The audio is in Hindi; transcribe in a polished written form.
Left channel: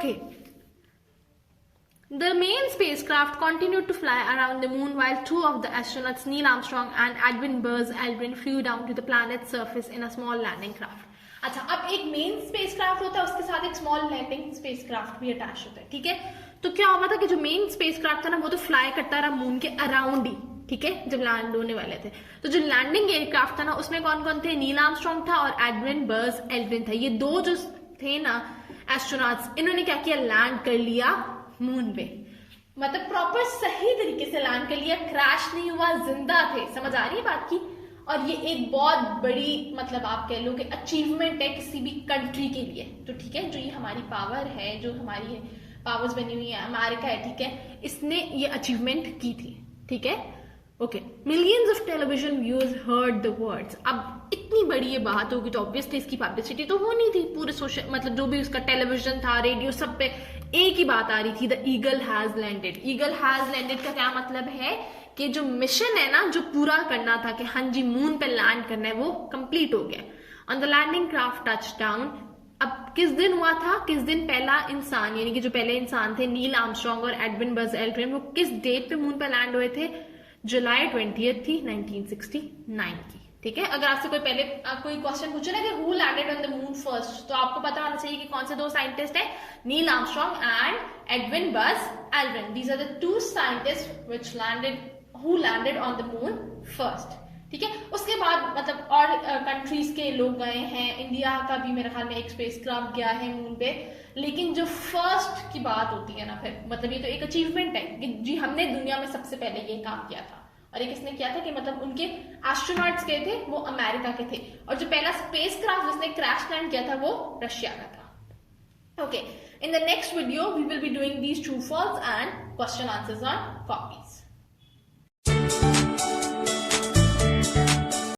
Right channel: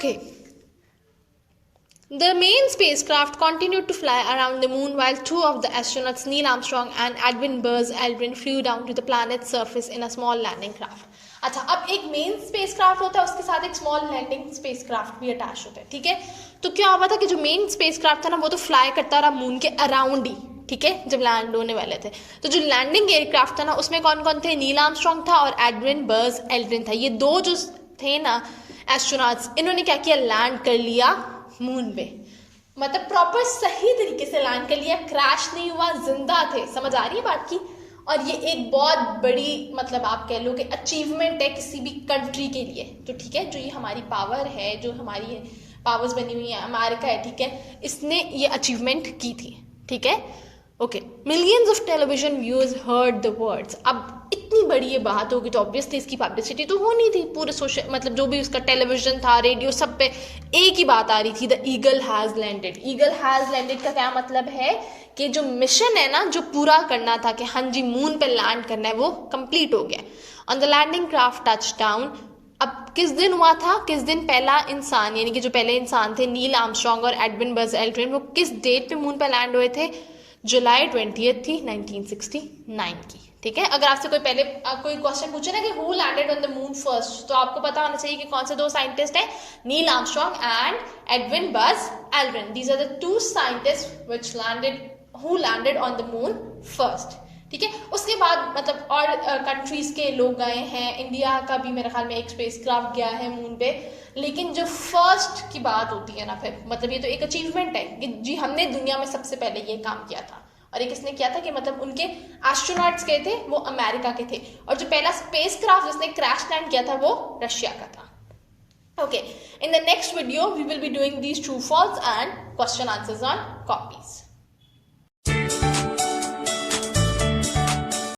Okay. The main spacecraft continued to fly around the moon while two of the astronauts, Neil Armstrong and Edwin Buzz Aldrin, flew down to the planet's surface in a small landing craft. अच्छा, अब एक मेन स्पेसक्राफ्ट होता है, उसके साथ एक स्मॉल लैंडिंग स्पेसक्राफ्ट भी अटैच होता है, ठीक है। तो क्या हुआ था कि जो मेन स्पेसक्राफ्ट था ना, वो तो फ्लाई करता रहा मून के अराउंड ही, ठीक है, जब लैंड होने वाले थे। तो जो लैंडिंग एयरक्राफ्ट था ना, उसमें कौन कौन थे? नील आर्मस्ट्रॉन्ग था और एडविन बर्ज एल्ड्रिन था। ये दो जो थे ना एस्ट्रोनॉट्स, इन्होंने क्या किया? लैंड कर लिया मून पे, मतलब प्रॉपर सही तरीके से लैंड कर लिया, क्रैश नहीं हुआ, जिंदा थे। समझ आ रही है बात की? और ये एक बहुत बड़ी, मतलब आप कह लो कि अचीवमेंट है किसी भी कंट्री के लिए। तो ठीक है, जो ये हमारी पावर है, जो हमारी पावर्स बनी हुई है, अमेरिका है, ठीक है, इसने ये अचीवमेंट की थी, ठीक है। Okay, millions of television viewers heard the words. अब इतनी बड़ी ये बात होगी तो ऑब्वियसली इसकी पब्लिसिटी तो होनी थी, पूरे सोशल, मतलब जो भी उसका टेलीविजन था, रेडियो, सब पे एक ही बात आ रही थी, the eagle has landed. Eagle has landed का क्या मतलब है कि जो मिशन है ना, जो पूरा करना था कि हाँ जी मून पे लैंड करना है, वो कंप्लीट हो गया। On the landing craft touch down. अब किस दिन हुआ था? किस दिन पहला इंसान, यानी कि जो पहले इंसान थे नील आर्मस्ट्रॉन्ग और एडविन बज एल्ड्रिन, वो किस डेट पे मून पे लैंड हुए थे? जुलाई 20 थी 1969 की, ठीक है। अगर आपसे कोई पहले कोई क्वेश्चन पूछे ना कि who landed on the moon first, तो आपको पता होना चाहिए कि कौन से दो साइंटिस्ट हैं, Neil Armstrong and Edwin Buzz Aldrin. These are the two scientist which landed, who landed on the moon first, ठीक है। उसके बाद मतलब और कंट्रीज के लोग गए हैं, इंडिया का भी मेरे ख्याल में एक स्पेसक्राफ्ट गया है मून पे, लेकिन जो फर्स्ट की बात होती है ना, फिर मतलब ये तो एक अचीवमेंट है कि जी हमने दुनिया में सबसे पहले ये काम किया था। और ये किसने किया था? कि मतलब उनके एस्ट्रोनॉट्स गए थे, वो अमेरिका के थे, और जो पहला स्पेसक्राफ्ट जिसने क्रैश लैंड किया था वो रशिया का था। Okay, in the next video we will be doing these true false and question answers on copies.